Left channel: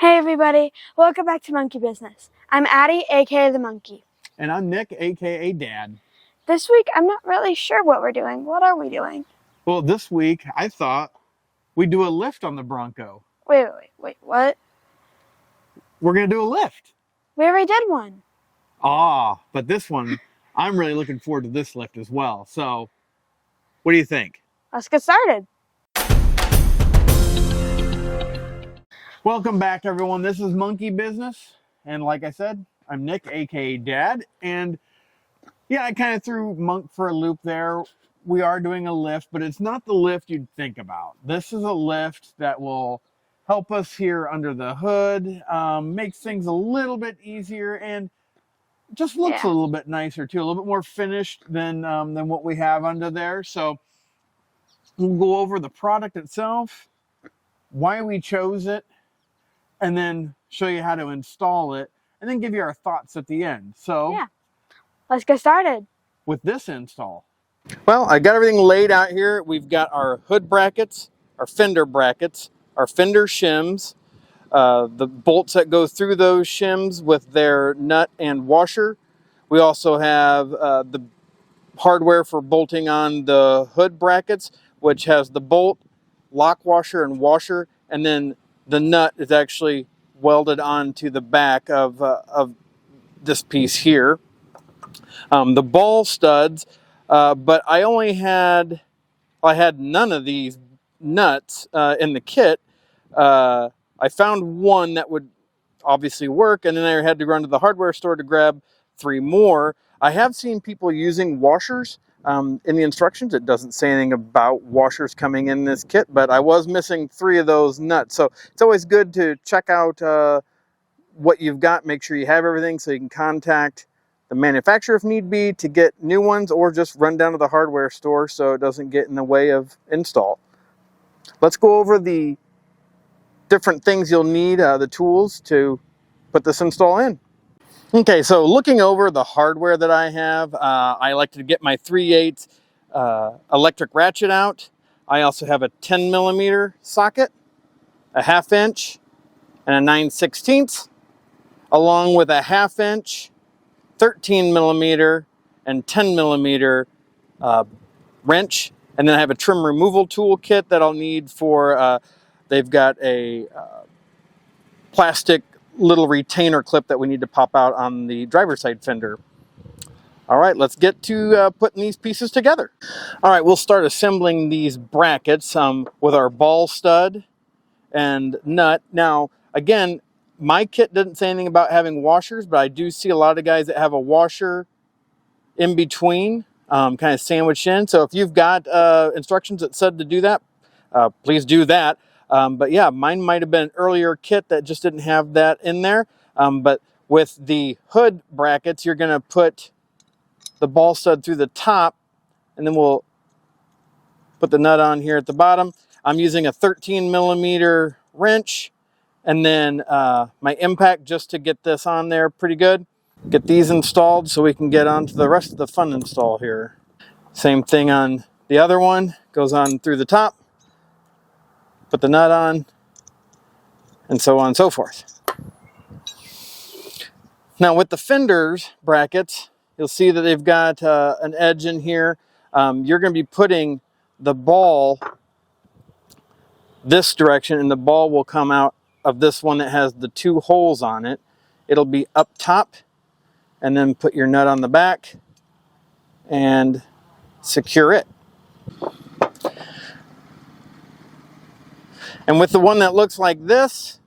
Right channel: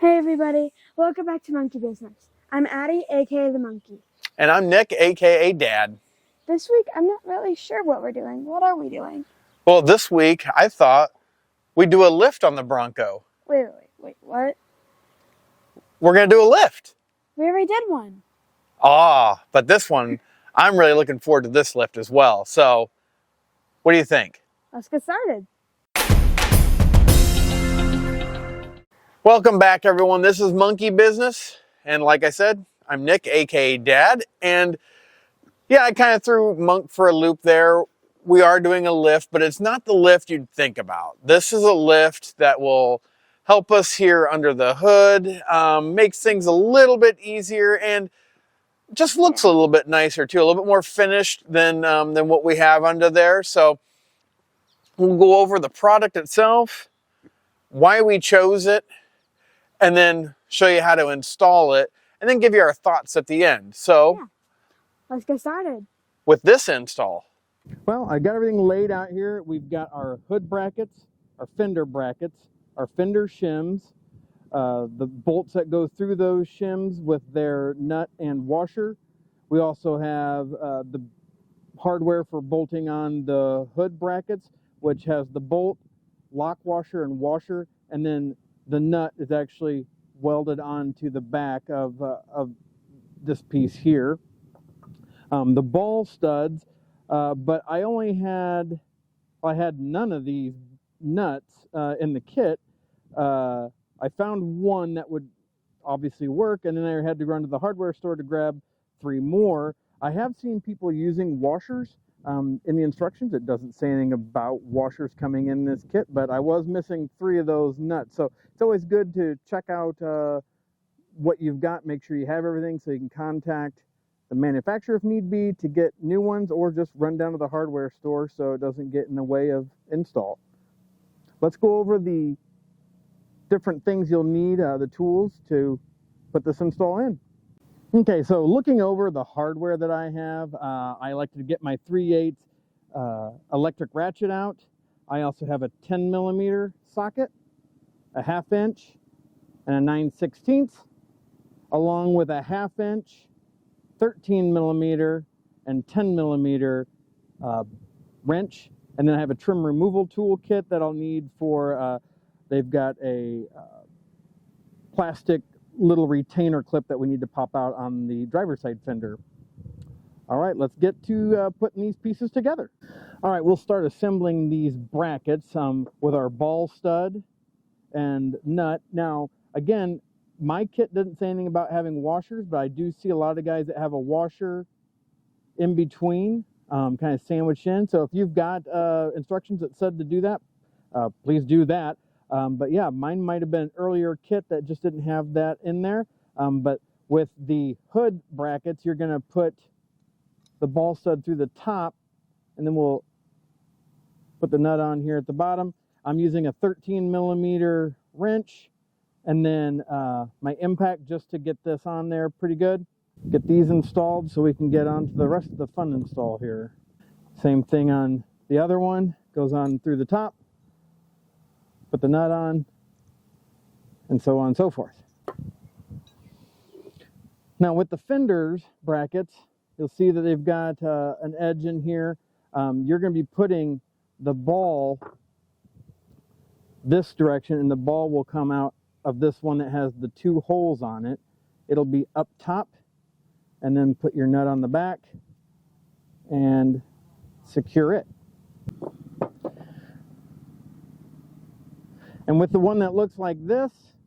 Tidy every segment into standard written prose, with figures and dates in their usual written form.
Hey everybody, welcome back to Monkey Business. I'm Addie, aka the Monkey. And I'm Nick, aka Dad. This week, I'm not really sure what we're doing. What are we doing? Well, this week I thought we'd do a lift on the Bronco. Wait, what? We're gonna do a lift. We already did one. But this one, I'm really looking forward to this lift as well. So, what do you think? Let's get started. Welcome back, everyone. This is Monkey Business. And like I said, I'm Nick, aka Dad. And yeah, I kind of threw Monk for a loop there. We are doing a lift, but it's not the lift you'd think about. This is a lift that will help us here under the hood, makes things a little bit easier, and just looks a little bit nicer too, a little bit more finished than what we have under there. So we'll go over the product itself, why we chose it, and then show you how to install it, and then give you our thoughts at the end. So yeah, let's get started with this install. Well, I got everything laid out here. We've got our hood brackets, our fender brackets, our fender shims, the bolts that go through those shims with their nut and washer. We also have the hardware for bolting on the hood brackets, which has the bolt, lock washer, and washer, and then the nut is actually welded onto the back of this piece here. The ball studs, but I had none of these nuts in the kit. I found one that would obviously work, and then I had to run to the hardware store to grab 3 more. I have seen people using washers. In the instructions, it doesn't say anything about washers coming in this kit, but I was missing 3 of those nuts. So it's always good to check out what you've got, make sure you have everything so you can contact the manufacturer if need be to get new ones, or just run down to the hardware store so it doesn't get in the way of install. Let's go over the different things you'll need, the tools to put this install in. Okay, so looking over the hardware that I have, I like to get my 3/8 electric ratchet out. I also have a 10mm socket, a 1/2 inch, and a 9/16, along with a 1/2 inch, 13mm, and 10mm wrench. And then I have a trim removal tool kit that I'll need for, they've got a plastic little retainer clip that we need to pop out on the driver's side fender. All right, let's get to putting these pieces together. All right, we'll start assembling these brackets with our ball stud and nut. Now, again, my kit didn't say anything about having washers, but I do see a lot of guys that have a washer in between, kind of sandwiched in. So if you've got instructions that said to do that, please do that. But yeah, mine might have been an earlier kit that just didn't have that in there. But with the hood brackets, you're going to put the ball stud through the top, and then we'll put the nut on here at the bottom. I'm using a 13mm wrench, and then my impact just to get this on there pretty good. Get these installed so we can get on to the rest of the fun install here. Same thing on the other one, goes on through the top. Put the nut on, and so on and so forth. Now with the fenders brackets, you'll see that they've got an edge in here. You're going to be putting the ball this direction, and the ball will come out of this one that has the 2 holes on it. It'll be up top, and then put your nut on the back and secure it. And with the one that looks like this,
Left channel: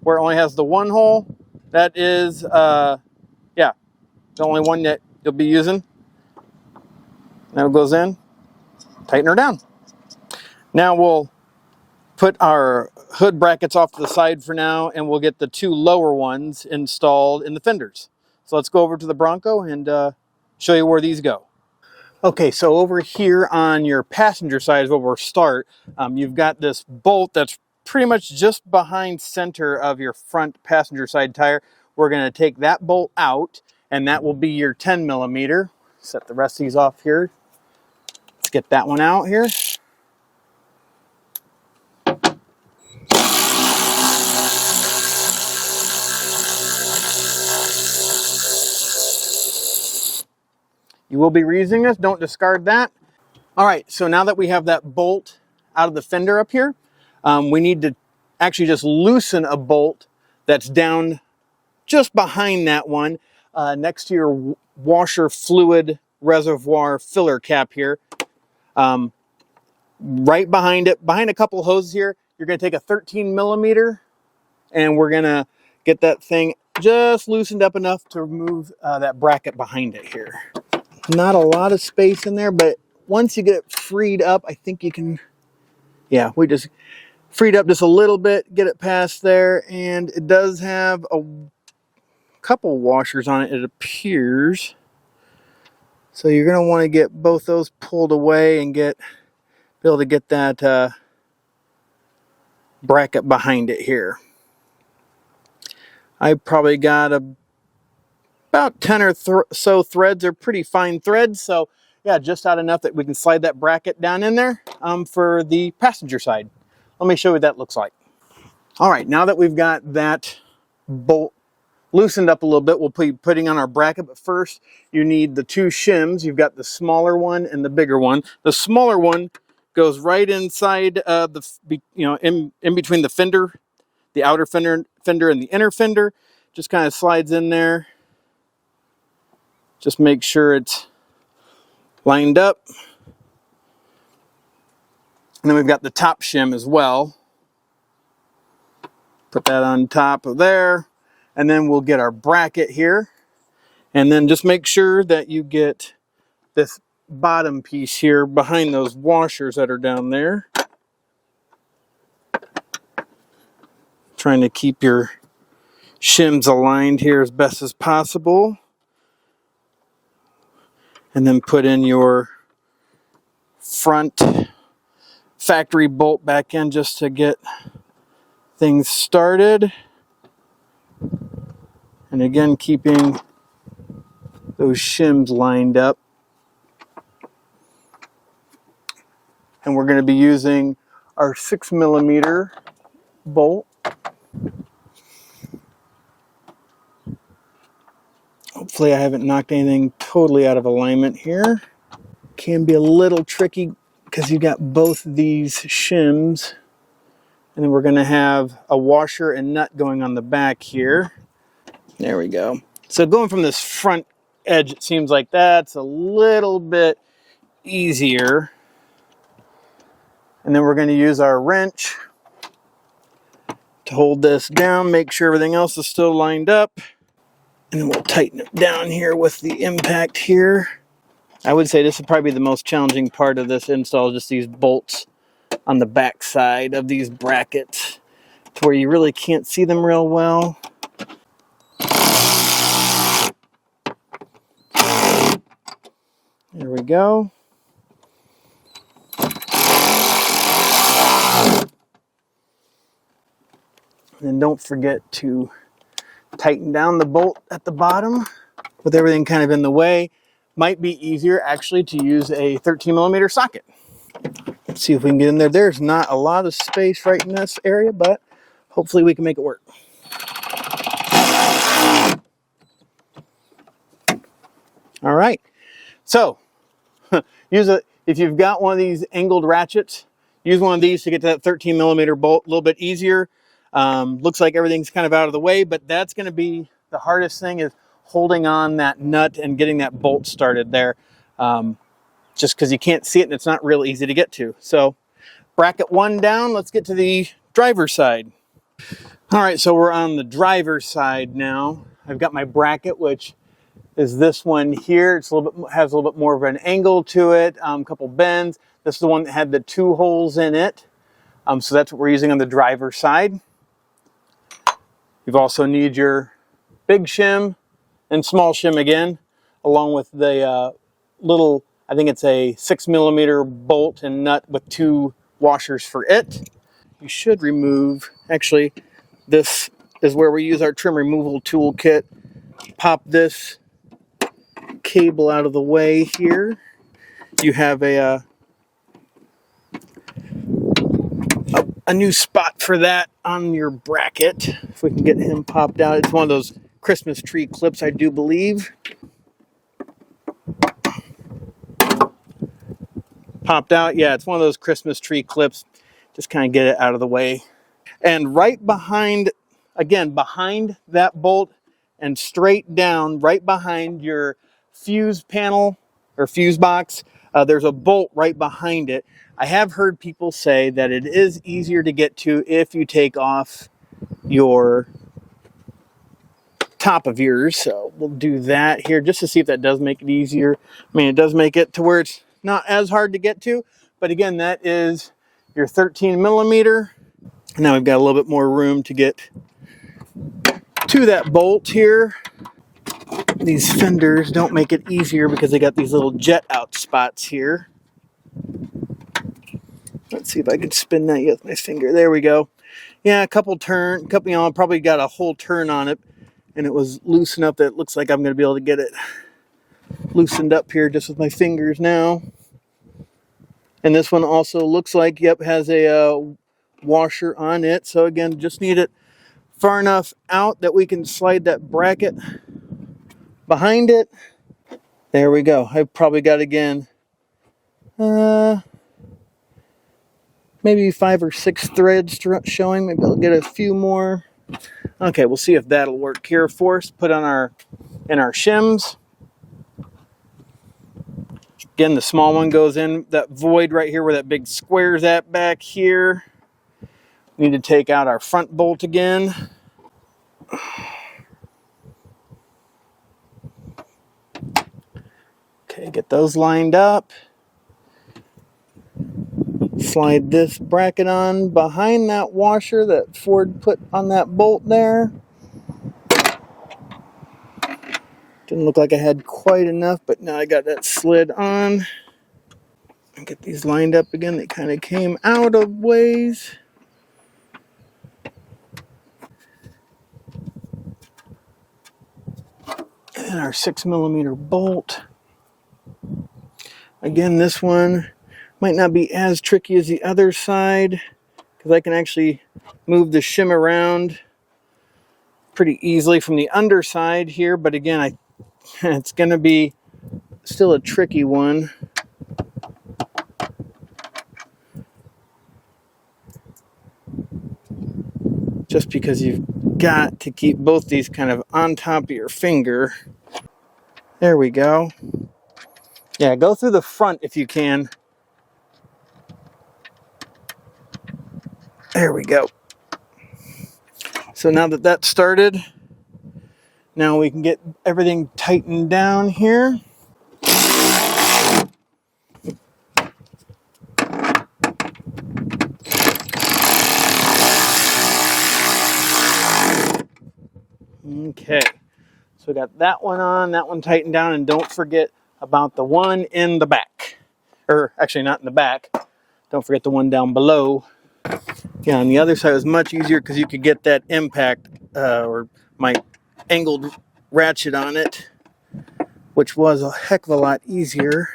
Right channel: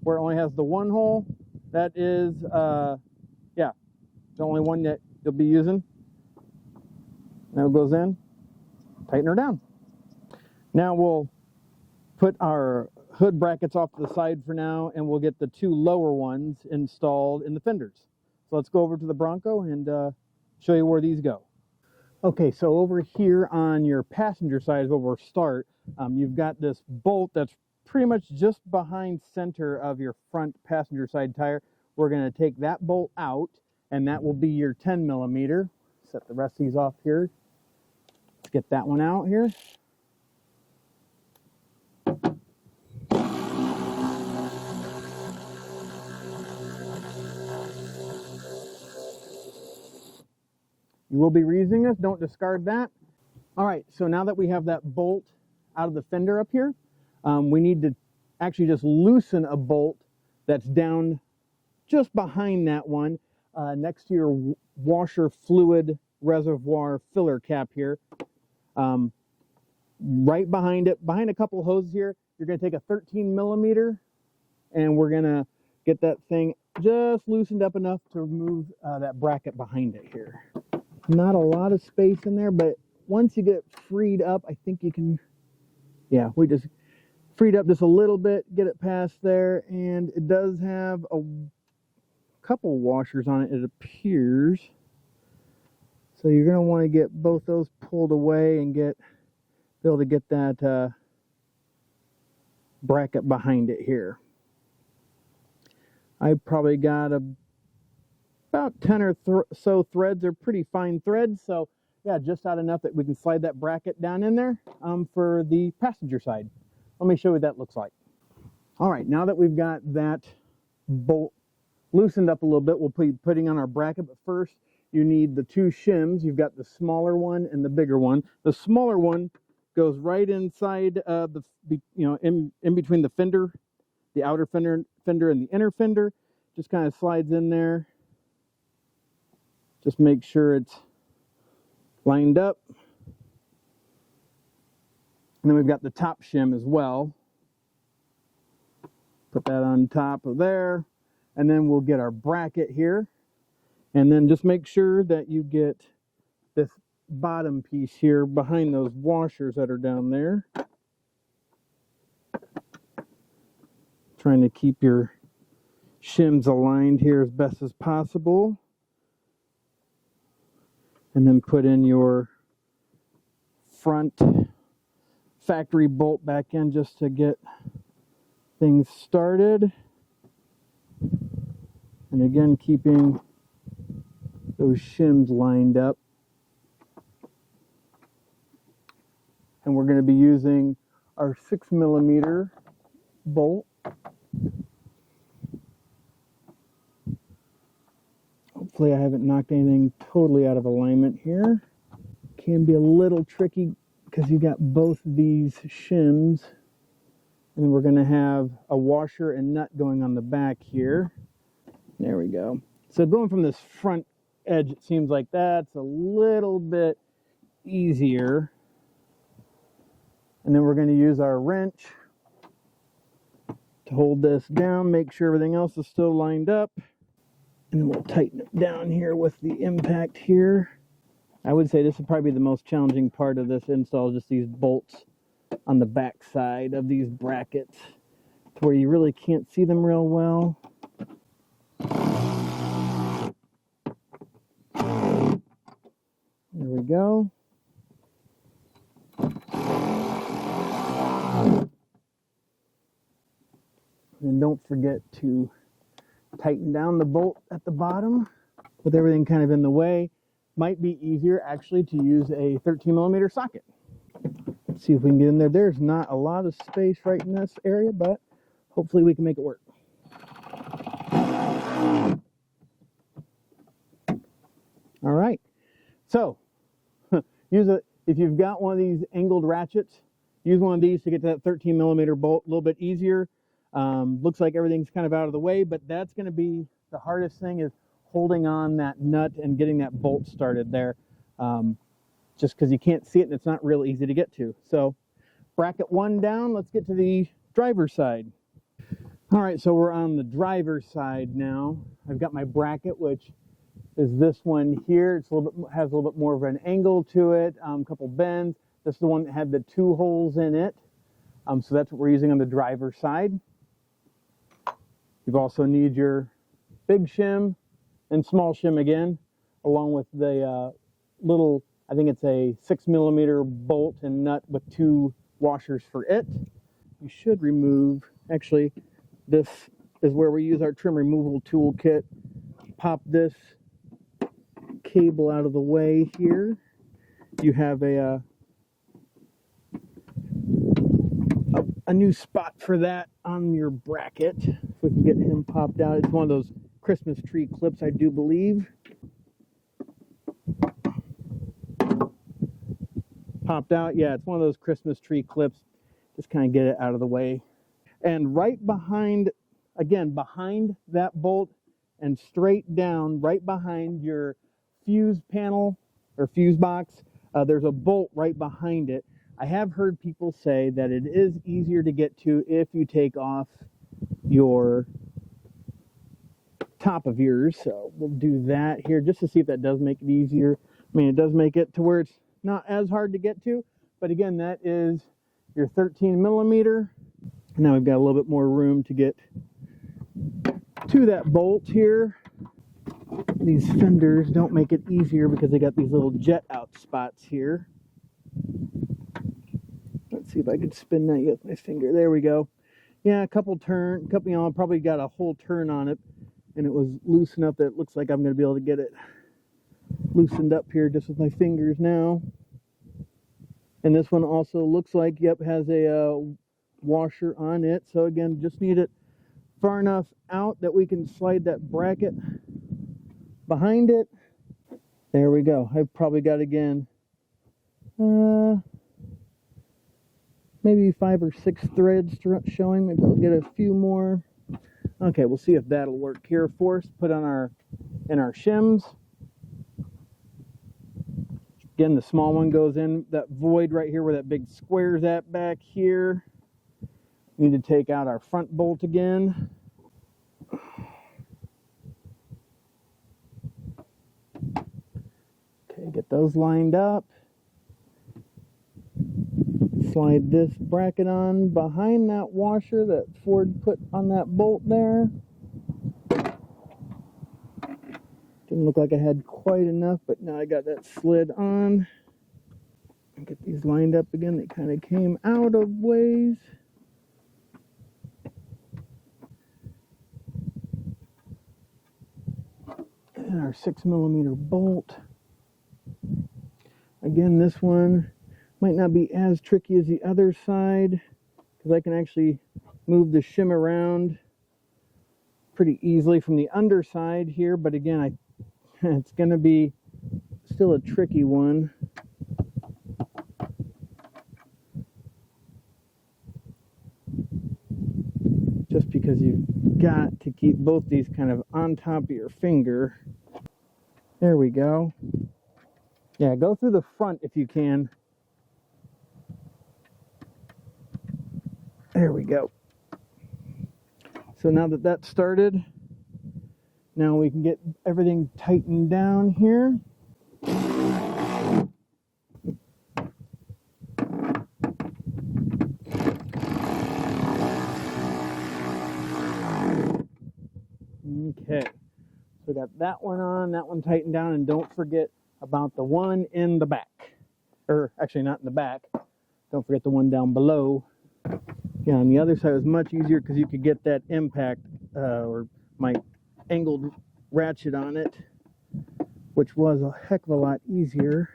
where it only has the 1 hole, that is, the only one that you'll be using. Now it goes in, tighten her down. Now we'll put our hood brackets off to the side for now, and we'll get the 2 lower ones installed in the fenders. So let's go over to the Bronco and show you where these go. Okay, so over here on your passenger side is where we'll start. You've got this bolt that's pretty much just behind center of your front passenger side tire. We're going to take that bolt out, and that will be your 10mm. Set the rest of these off here. Let's get that one out here. You will be reusing this, don't discard that. All right, so now that we have that bolt out of the fender up here, we need to actually just loosen a bolt that's down just behind that one, next to your washer fluid reservoir filler cap here. Right behind it, behind a couple hoses here, you're gonna take a 13 millimeter and we're gonna get that thing just loosened up enough to remove that bracket behind it here. Not a lot of space in there, but once you get it freed up, I think you can, yeah, we just freed up just a little bit, get it past there, and it does have a couple washers on it, it appears. So you're gonna wanna get both those pulled away and be able to get that bracket behind it here. I probably got about 10 or so threads. They're pretty fine threads, so yeah, just out enough that we can slide that bracket down in there for the passenger side. Let me show you what that looks like. All right, now that we've got that bolt loosened up a little bit, we'll be putting on our bracket, but first you need the two shims. You've got the smaller one and the bigger one. The smaller one goes right inside in between the fender, the outer fender and the inner fender. Just kind of slides in there. Just make sure it's lined up. And then we've got the top shim as well. Put that on top of there. And then we'll get our bracket here. And then just make sure that you get this bottom piece here behind those washers that are down there. Trying to keep your shims aligned here as best as possible. And then put in your front factory bolt back in just to get things started. And again, keeping those shims lined up. And we're going to be using our 6 millimeter bolt. Hopefully I haven't knocked anything totally out of alignment here. Can be a little tricky because you got both these shims, and then we're going to have a washer and nut going on the back here. There we go. So going from this front edge, it seems like that's a little bit easier. And then we're going to use our wrench to hold this down, make sure everything else is still lined up. And then we'll tighten it down here with the impact here. I would say this would probably be the most challenging part of this install, just these bolts on the back side of these brackets to where you really can't see them real well. There we go. And don't forget to tighten down the bolt at the bottom with everything kind of in the way. Might be easier actually to use a 13 millimeter socket. Let's see if we can get in there. There's not a lot of space right in this area, but hopefully we can make it work. All right, so if you've got one of these angled ratchets, use one of these to get to that 13 millimeter bolt a little bit easier. Looks like everything's kind of out of the way, but that's going to be the hardest thing, is holding on that nut and getting that bolt started there, just because you can't see it and it's not real easy to get to. So bracket one down, let's get to the driver's side. All right, so we're on the driver's side now. I've got my bracket, which is this one here. It's has a little bit more of an angle to it, a couple bends. This is the one that had the 2 holes in it. So that's what we're using on the driver's side. You also need your big shim and small shim again, along with the little, I think it's a 6 millimeter bolt and nut with 2 washers for it. You should remove, actually, this is where we use our trim removal toolkit. Pop this cable out of the way here. You have a new spot for that on your bracket. If we can get him popped out. It's one of those Christmas tree clips, I do believe. popped out. Yeah, it's one of those Christmas tree clips. Just kind of get it out of the way. And right behind, again, behind that bolt and straight down, right behind your fuse panel or fuse box, there's a bolt right behind it. I have heard people say that it is easier to get to if you take off your top of yours. So we'll do that here just to see if that does make it easier. I mean, it does make it to where it's not as hard to get to, but again, that is your 13 millimeter. Now we've got a little bit more room to get to that bolt here. These fenders don't make it easier because they got these little jet out spots here. Let's see if I can spin that with my finger. There we go. Yeah, a couple, you know, I probably got a whole turn on it, and it was loose enough that it looks like I'm going to be able to get it loosened up here just with my fingers now. And this one also looks like, yep, has a washer on it. So again, just need it far enough out that we can slide that bracket behind it. There we go. I've probably got, again, maybe 5 or 6 threads showing. Maybe I'll get a few more. Okay, we'll see if that'll work here for us. Put on in our shims. Again, the small one goes in that void right here where that big square's at back here. We need to take out our front bolt again. Okay, get those lined up. Slide this bracket on behind that washer that Ford put on that bolt there. Didn't look like I had quite enough, but now I got that slid on. And get these lined up again. They kind of came out of ways. And our 6 millimeter bolt. Again, this one might not be as tricky as the other side because I can actually move the shim around pretty easily from the underside here. But again, it's going to be still a tricky one. Just because you've got to keep both these kind of on top of your finger. There we go. Yeah, go through the front if you can. There we go. So now that that's started, now we can get everything tightened down here. Okay, so we got that one on, that one tightened down, and don't forget about the one in the back. Or actually not in the back. Don't forget the one down below. Yeah, on the other side was much easier because you could get that impact or my angled ratchet on it, which was a heck of a lot easier.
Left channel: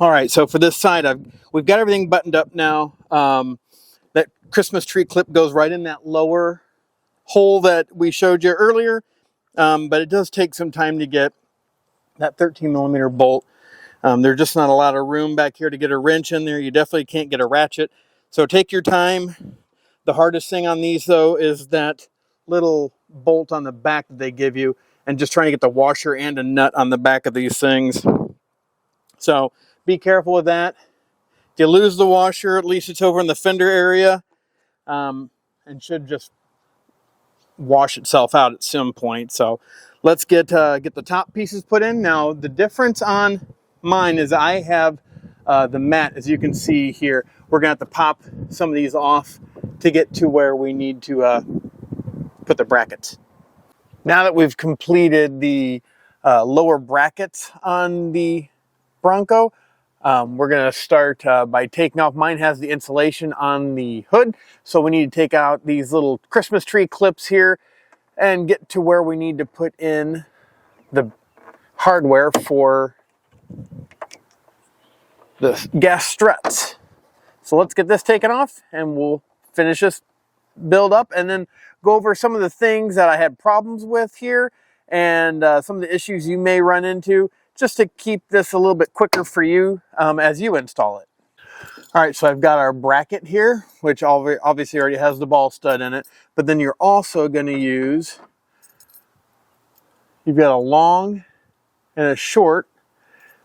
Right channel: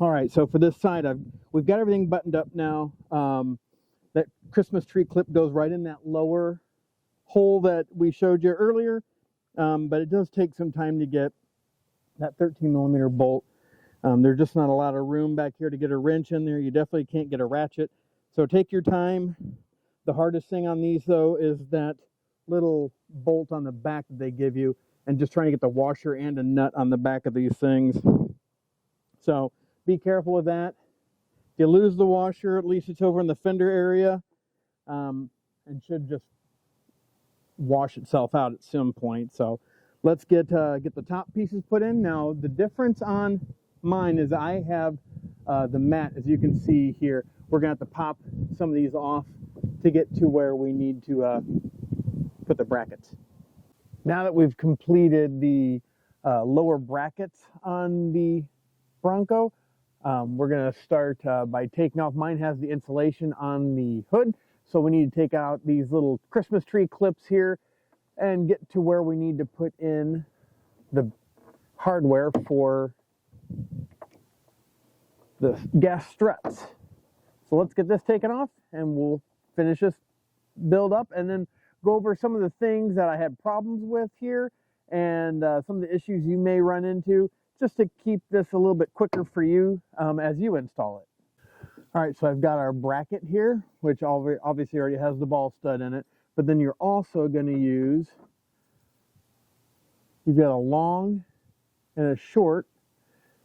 All right, so for this side, we've got everything buttoned up now. That Christmas tree clip goes right in that lower hole that we showed you earlier, but it does take some time to get that 13 millimeter bolt. There's just not a lot of room back here to get a wrench in there. You definitely can't get a ratchet, so take your time. The hardest thing on these, though, is that little bolt on the back that they give you, and just trying to get the washer and a nut on the back of these things. So be careful with that. If you lose the washer, at least it's over in the fender area, and should just wash itself out at some point. So let's get the top pieces put in. Now the difference on mine is I have the mat, as you can see here. We're gonna have to pop some of these off to get to where we need to put the brackets. Now that we've completed the lower brackets on the Bronco, We're going to start by taking off. Mine has the insulation on the hood, so we need to take out these little Christmas tree clips here and get to where we need to put in the hardware for the gas struts. So let's get this taken off and we'll finish this build up and then go over some of the things that I had problems with here and some of the issues you may run into, just to keep this a little bit quicker for you as you install it. All right, so I've got our bracket here, which obviously already has the ball stud in it, but then you're also going to use, you've got a long and a short.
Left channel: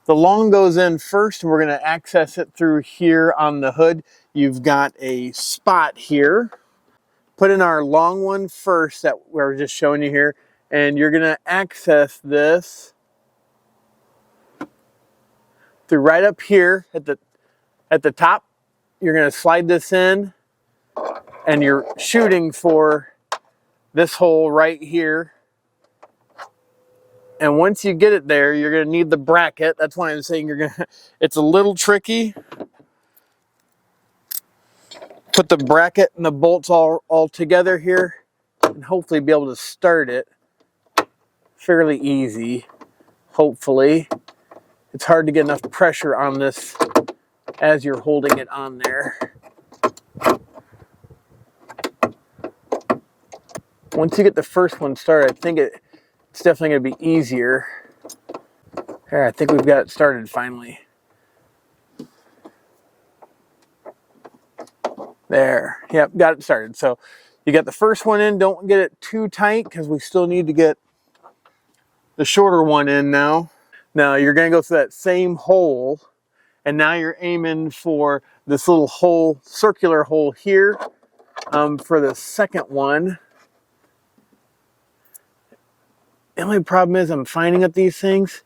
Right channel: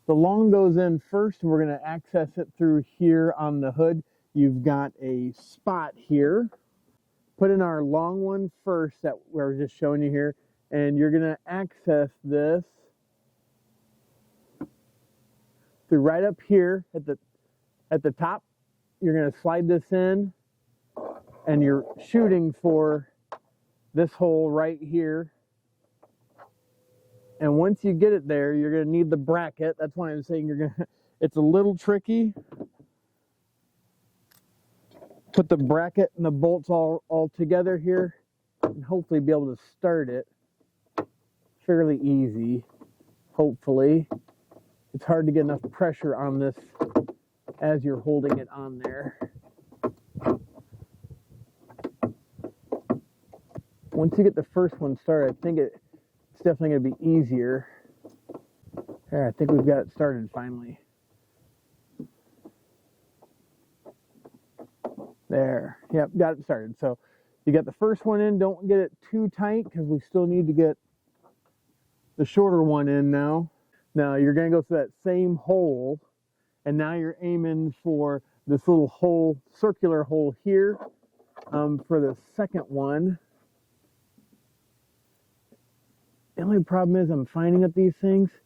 The long goes in first and we're going to access it through here on the hood. You've got a spot here. Put in our long one first that we're just showing you here, and you're going to access this through right up here at the top. You're going to slide this in and you're shooting for this hole right here. And once you get it there, you're going to need the bracket. That's why I'm saying it's a little tricky. Put the bracket and the bolts all together here and hopefully be able to start it fairly easy. Hopefully. It's hard to get enough pressure on this as you're holding it on there. Once you get the first one started, I think it's definitely going to be easier. Here, I think we've got it started finally. There, yep, got it started. So you got the first one in, don't get it too tight because we still need to get the shorter one in now. Now you're going to go through that same hole, and now you're aiming for this little hole, circular hole here for the second one. The only problem is I'm finding at these things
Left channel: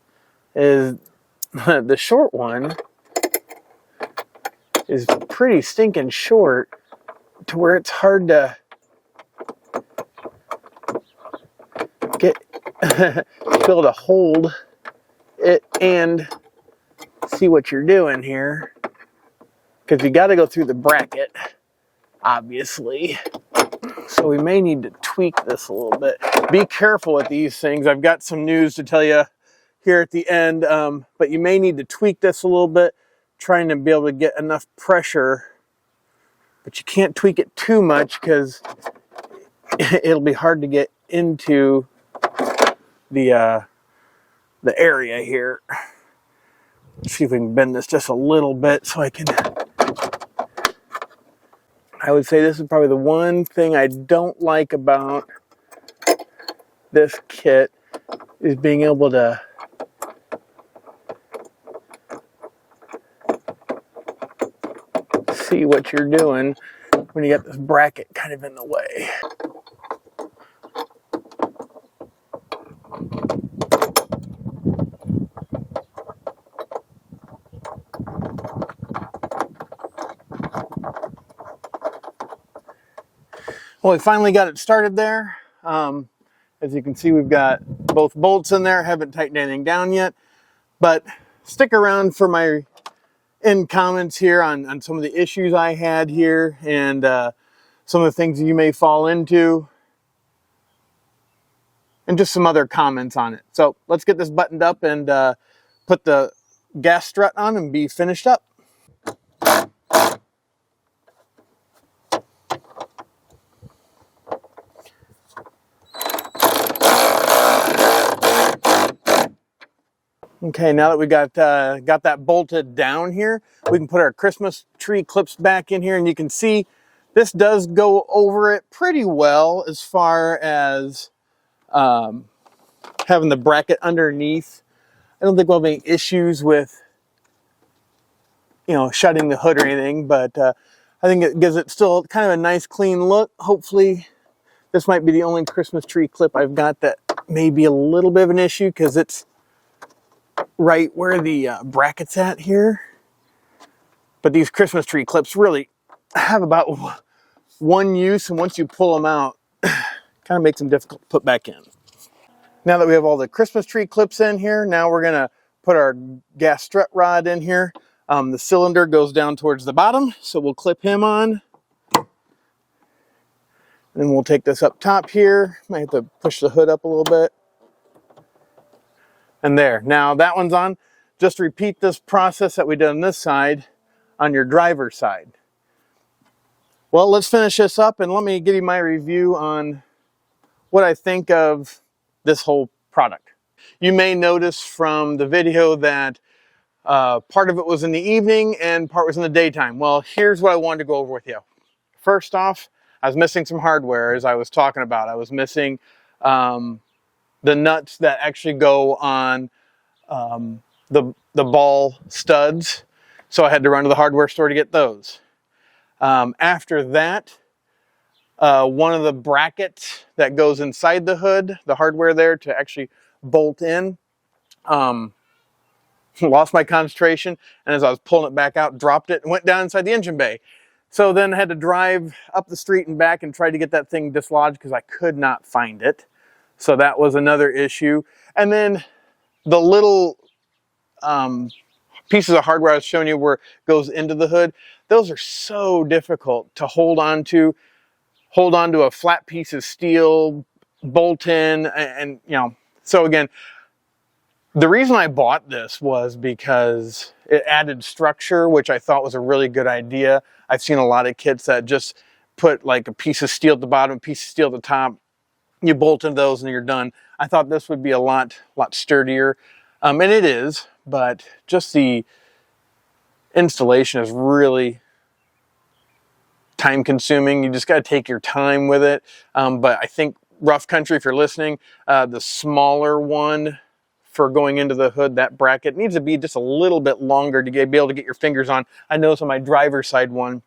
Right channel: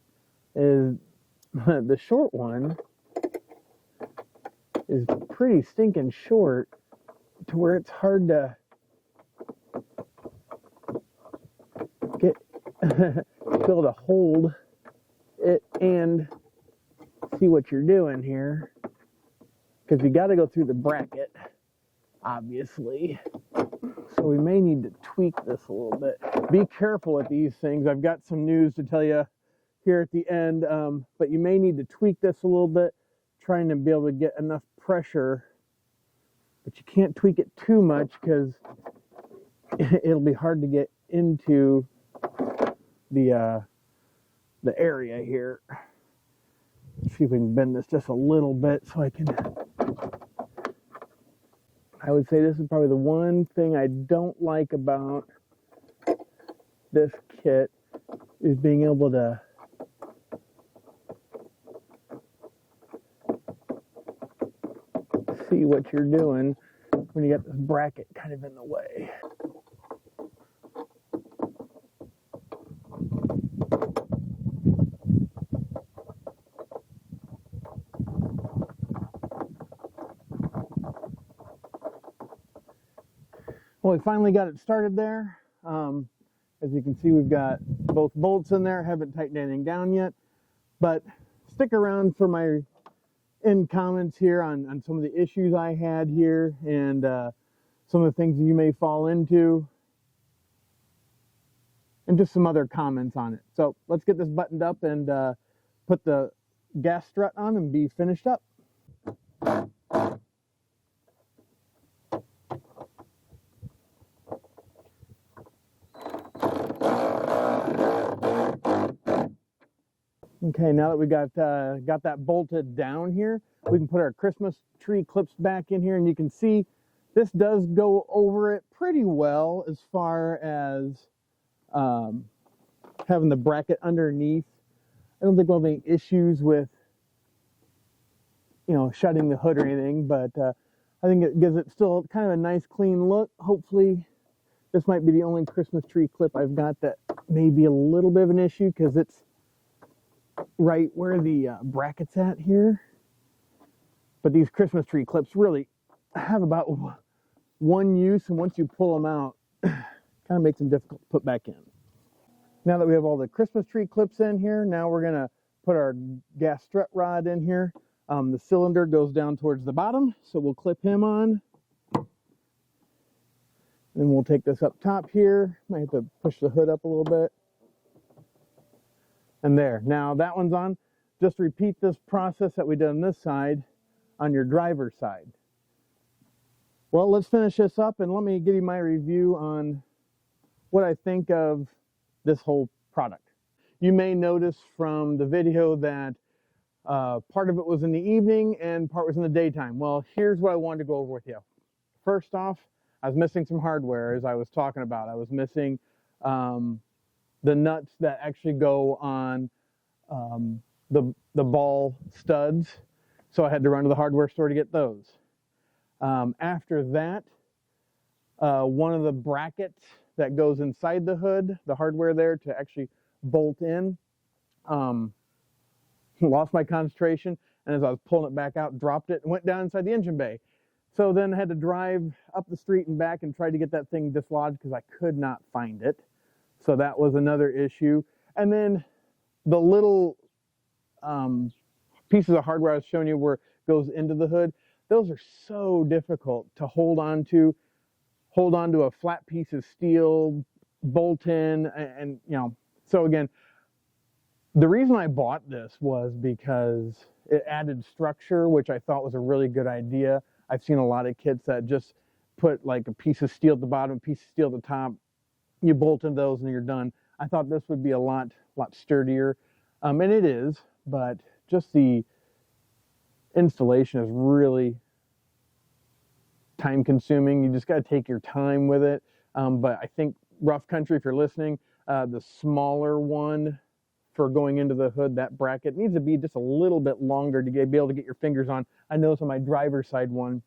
is the short one is pretty stinking short to where it's hard to get be able to hold it and see what you're doing here, because you got to go through the bracket obviously, so we may need to tweak this a little bit. Be careful with these things. I've got some news to tell you here at the end, but you may need to tweak this a little bit, trying to be able to get enough pressure, but you can't tweak it too much because it'll be hard to get into the area here. Let's see if we can bend this just a little bit so I would say this is probably the one thing I don't like about this kit, is being able to see what you're doing when you got this bracket kind of in the way. Well, we finally got it started there. As you can see, we've got both bolts in there. Haven't tightened anything down yet, but stick around for my end comments here on some of the issues I had here and some of the things you may fall into, and just some other comments on it. So let's get this buttoned up and put the gas strut on and be finished up. Okay, now that we got that bolted down here, we can put our Christmas tree clips back in here, and you can see this does go over it pretty well as far as having the bracket underneath. I don't think we'll have any issues with, shutting the hood or anything, but I think it gives it still kind of a nice clean look. Hopefully this might be the only Christmas tree clip I've got that may be a little bit of an issue, because it's right where the bracket's at here. But these Christmas tree clips really have about one use, and once you pull them out, kind of makes them difficult to put back in. Now that we have all the Christmas tree clips in here, now we're gonna put our gas strut rod in here. The cylinder goes down towards the bottom, so we'll clip him on. Then we'll take this up top here. Might have to push the hood up a little bit. And there, now that one's on. Just repeat this process that we did on this side on your driver's side. Well, let's finish this up and let me give you my review on what I think of this whole product. You may notice from the video that part of it was in the evening and part was in the daytime. Well, here's what I wanted to go over with you. First off, I was missing some hardware, as I was talking about. I was missing the nuts that actually go on the ball studs, so I had to run to the hardware store to get those. After that, one of the brackets that goes inside the hood, the hardware there to actually bolt in, lost my concentration, and as I was pulling it back out, dropped it and went down inside the engine bay. So then I had to drive up the street and back and try to get that thing dislodged because I could not find it. So that was another issue. And then the little pieces of hardware I was showing you where it goes into the hood, those are so difficult to hold on to a flat piece of steel, bolt in, and you know. So again, the reason I bought this was because it added structure, which I thought was a really good idea. I've seen a lot of kits that just put like a piece of steel at the bottom, a piece of steel at the top. You bolt into those and you're done. I thought this would be a lot sturdier, and it is, but just the installation is really time consuming. You just got to take your time with it. But I think rough country, if you're listening, the smaller one for going into the hood, that bracket needs to be just a little bit longer to be able to get your fingers on. I noticed on my driver's side one,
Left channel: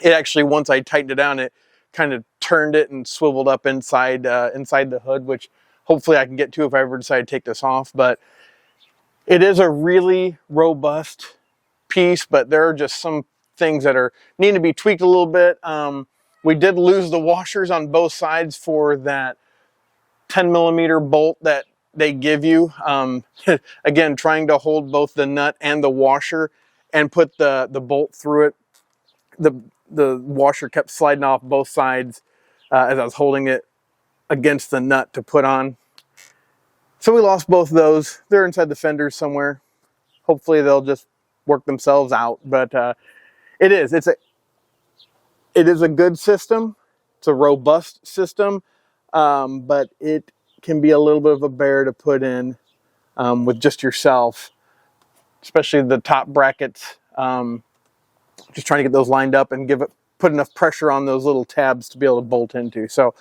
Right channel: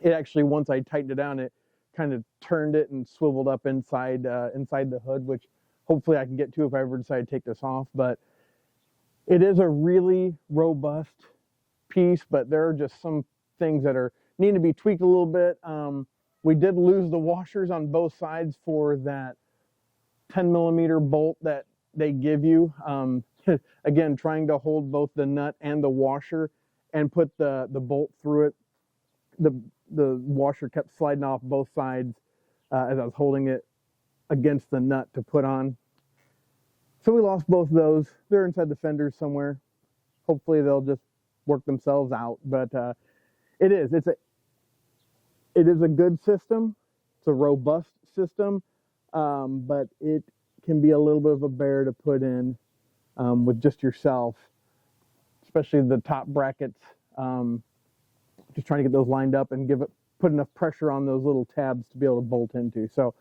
it actually, once I tightened it down, it kind of turned it and swiveled up inside the hood, which hopefully I can get to if I ever decide to take this off. But it is a really robust piece, but there are just some things that need to be tweaked a little bit. We did lose the washers on both sides for that 10mm bolt that they give you. Again, trying to hold both the nut and the washer and put the bolt through it. The washer kept sliding off both sides as I was holding it against the nut to put on. So we lost both of those. They're inside the fenders somewhere. Hopefully they'll just work themselves out. But it is a good system. It's a robust system, but it can be a little bit of a bear to put in with just yourself, especially the top brackets. Just trying to get those lined up and put enough pressure on those little tabs to be able to bolt into. So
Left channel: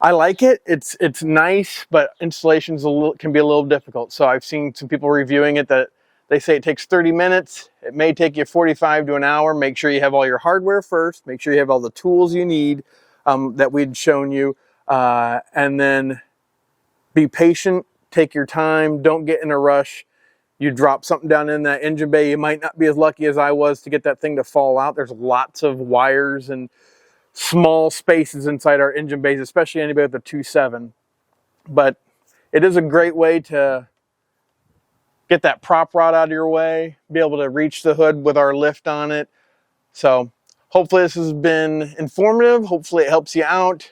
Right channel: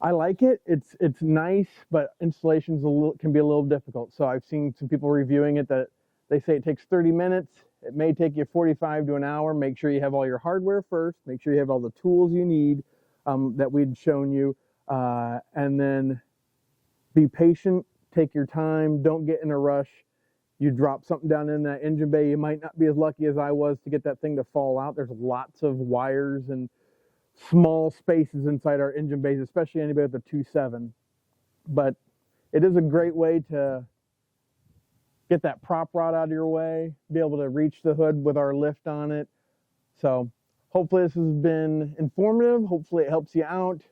I like it. It's nice, but installations can be a little difficult. So I've seen some people reviewing it that they say it takes 30 minutes. It may take you 45 to an hour. Make sure you have all your hardware first. Make sure you have all the tools you need that we'd shown you. And then be patient, take your time, don't get in a rush. You drop something down in that engine bay, you might not be as lucky as I was to get that thing to fall out. There's lots of wires and small spaces inside our engine bays, especially anybody with a 2.7. But it is a great way to get that prop rod out of your way, be able to reach the hood with our lift on it. So hopefully this has been informative. Hopefully it helps you out.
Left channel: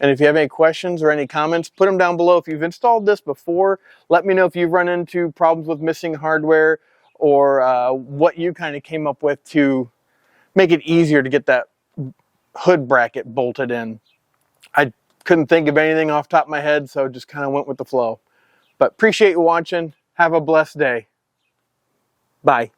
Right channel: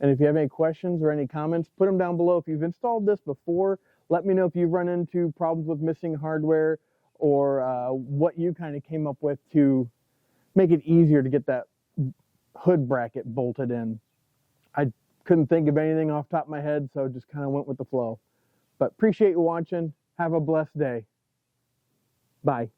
And if you have any questions or any comments, put them down below. If you've installed this before, let me know if you've run into problems with missing hardware or what you kind of came up with to make it easier to get that hood bracket bolted in. I couldn't think of anything off the top of my head, so just kind of went with the flow. But appreciate you watching. Have a blessed day. Bye.